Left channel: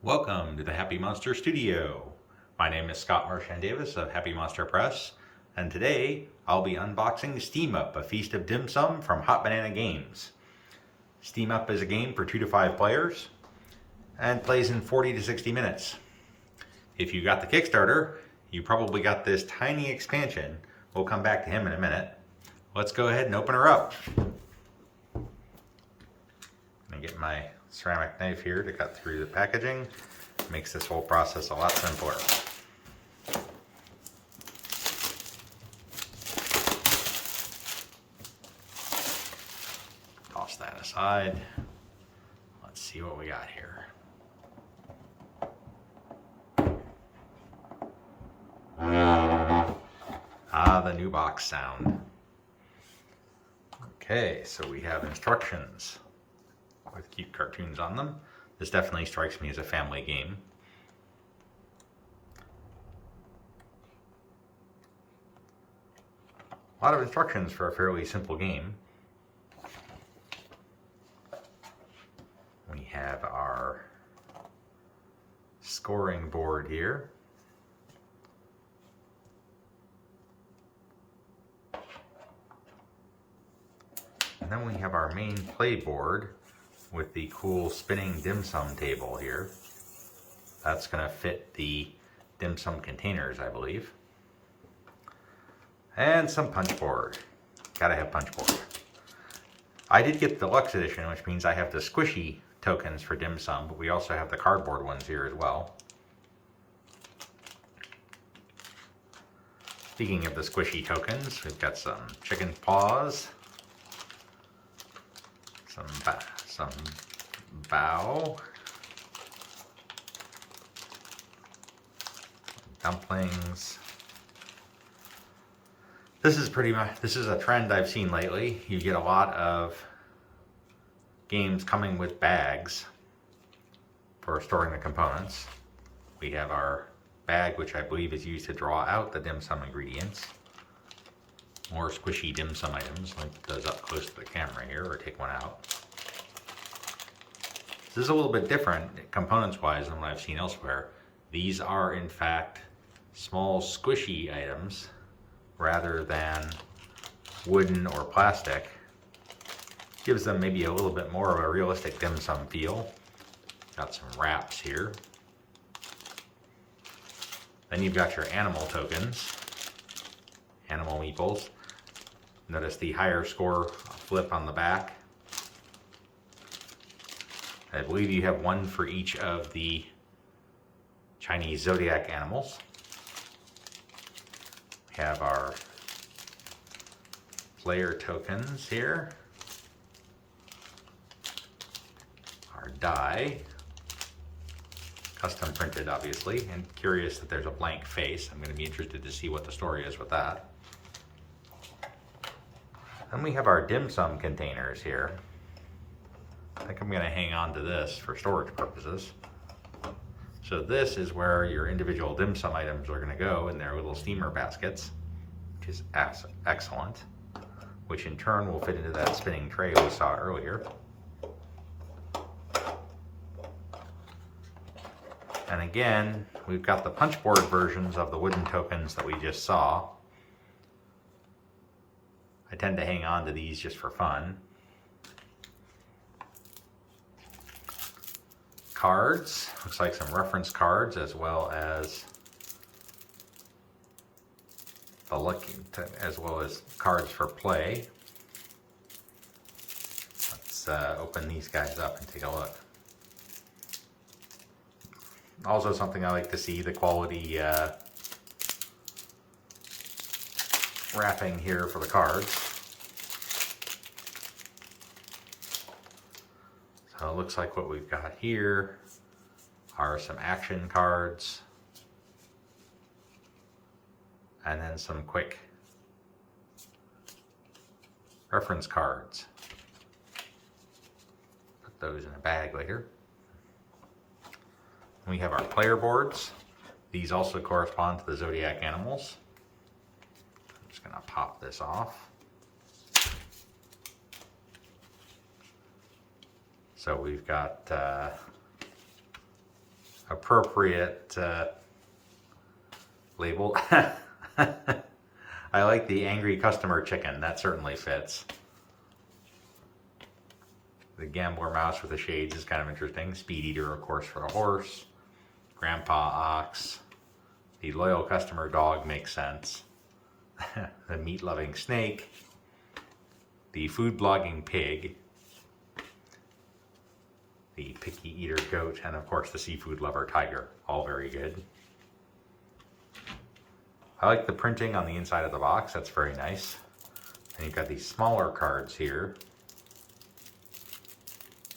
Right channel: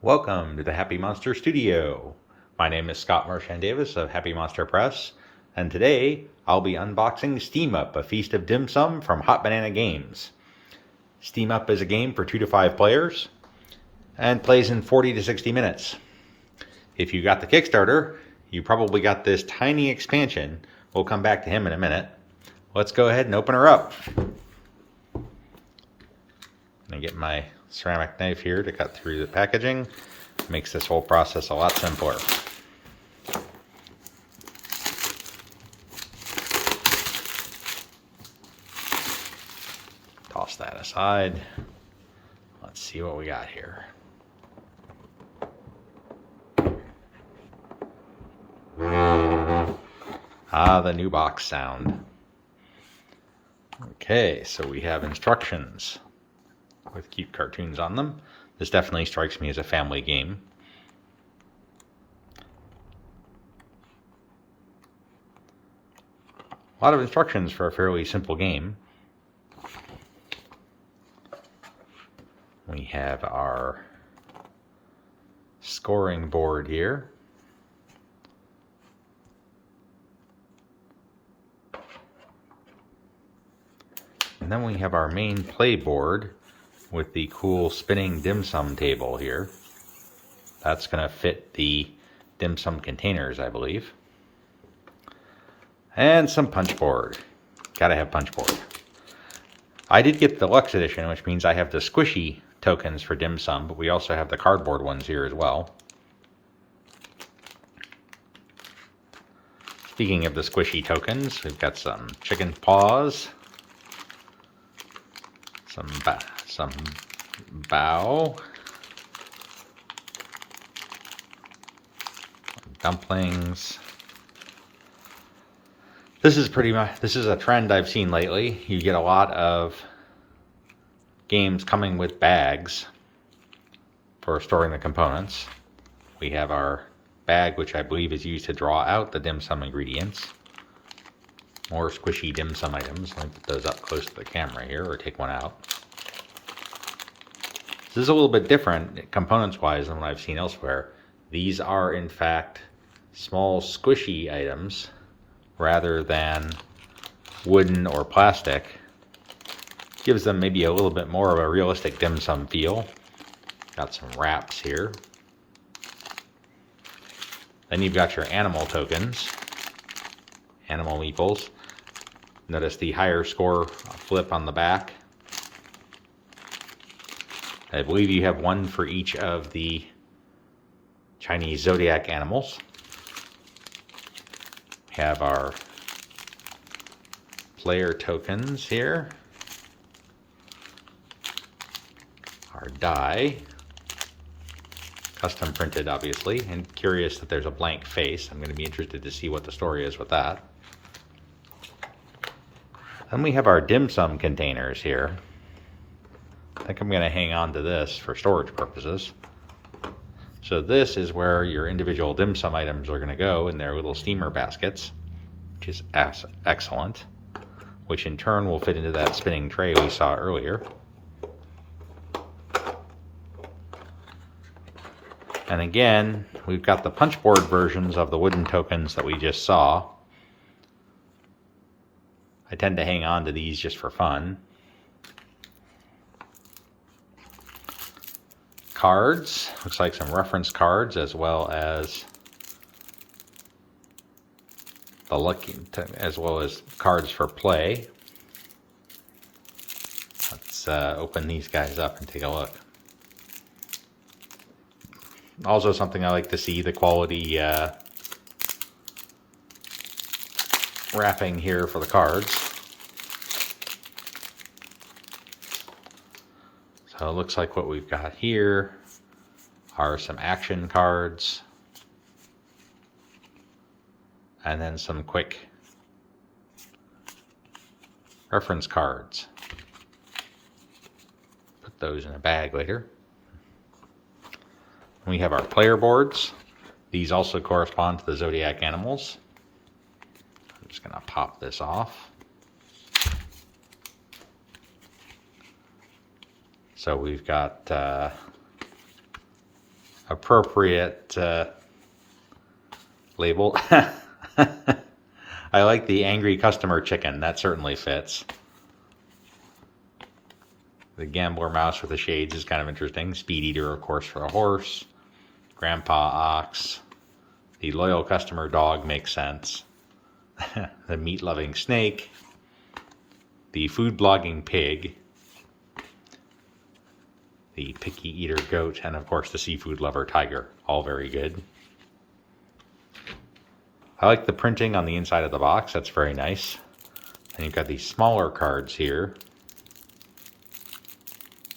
Welcome to the Happy Monster Studio. My name is Scott Marchand Davis of Happy Monster Press, and today I'll be unboxing Steam Up, a feast of dim sum from Hot Banana Games. Steam Up is a game for 2 to 5 players and plays in 40 to 60 minutes. If you got the Kickstarter, you probably got this tiny expansion. We'll come back to him in a minute. Let's go ahead and open her up. I'm going to get my ceramic knife here to cut through the packaging. Makes this whole process a lot simpler. Toss that aside. Let's see what we got here. Ah, the new box sound. Okay, so we have instructions with cute cartoons on them. This definitely strikes me as a family game. A lot of instructions for a fairly simple game. We have our scoring board here. And then we have our main play board with the cool spinning dim sum table here. That's going to fit the dim sum containers, I believe. And some punch board. Gotta have punch board. I did get the deluxe edition, which means I have the squishy tokens for dim sum, but we also have the cardboard ones here as well. Speaking of the squishy tokens, we've got some chicken paws, some bao, dumplings. This is a trend I've seen lately. You get a lot of games coming with bags for storing the components. We have our bag, which I believe is used to draw out the dim sum ingredients. More squishy dim sum items. I'll put those up close to the camera here, or take one out. This is a little bit different components-wise than what I've seen elsewhere. These are, in fact, small squishy items rather than wooden or plastic. Gives them maybe a little bit more of a realistic dim sum feel. Got some wraps here. Then you've got your animal tokens, animal meeples. Notice the higher score flip on the back. I believe you have one for each of the Chinese zodiac animals. We have our player tokens here. Our die. Custom printed, obviously, and curious that there's a blank face. I'm going to be interested to see what the story is with that. Then we have our dim sum containers here. I think I'm going to hang on to this for storage purposes. So this is where your individual dim sum items are going to go in their little steamer baskets, which is excellent, which in turn will fit into that spinning tray we saw earlier. And again, we've got the punchboard versions of the wooden tokens that we just saw. I tend to hang on to these just for fun. Cards, looks like some reference cards, as well as cards for play. Let's open these guys up and take a look. Also something I like to see, the quality wrapping here for the cards. So it looks like what we've got here are some action cards and then some quick reference cards. Put those in a bag later. We have our player boards. These also correspond to the zodiac animals. I'm just going to pop this off. So we've got appropriate label. I like the angry customer chicken. That certainly fits. The gambler mouse with the shades is kind of interesting. Speed eater, of course, for a horse. Grandpa ox. The loyal customer dog makes sense. The meat-loving snake. The food-blogging pig. The picky eater goat. And, of course, the seafood lover tiger. All very good. I like the printing on the inside of the box. That's very nice. And you've got these smaller cards here.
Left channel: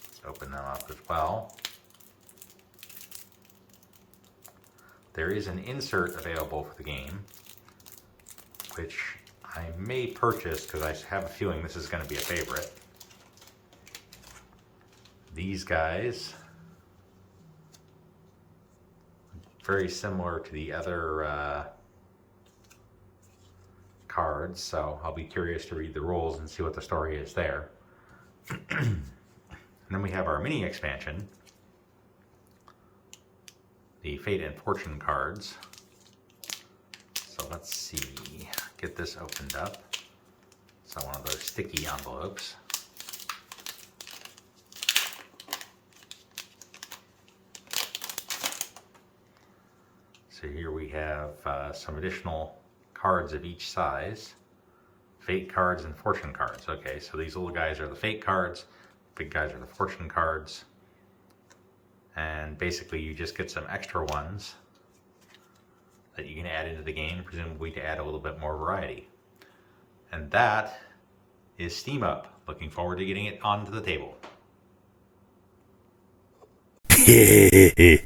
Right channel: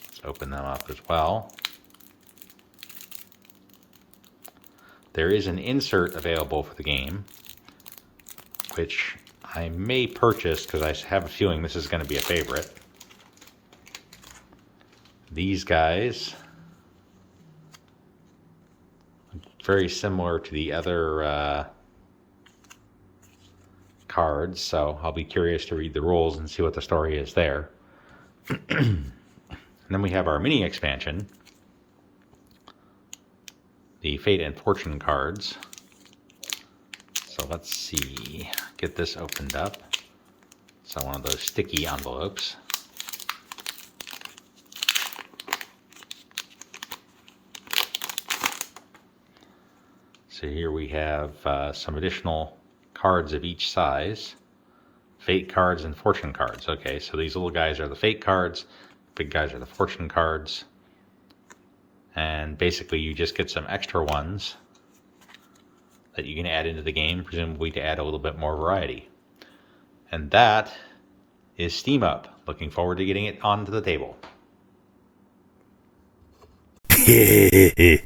Let's open them up as well. There is an insert available for the game, which I may purchase because I have a feeling this is going to be a favorite. These guys, very similar to the other cards, so I'll be curious to read the rules and see what the story is there. And then we have our mini expansion, the Fate and Fortune cards. So let's see, get this opened up. So one of those sticky envelopes. So here we have some additional cards of each size. Fate cards and Fortune cards. Okay, so these little guys are the Fate cards, big guys are the Fortune cards. And basically you just get some extra ones that you can add into the game, presumably to add a little bit more variety. And that is Steam Up. Looking forward to getting it onto the table.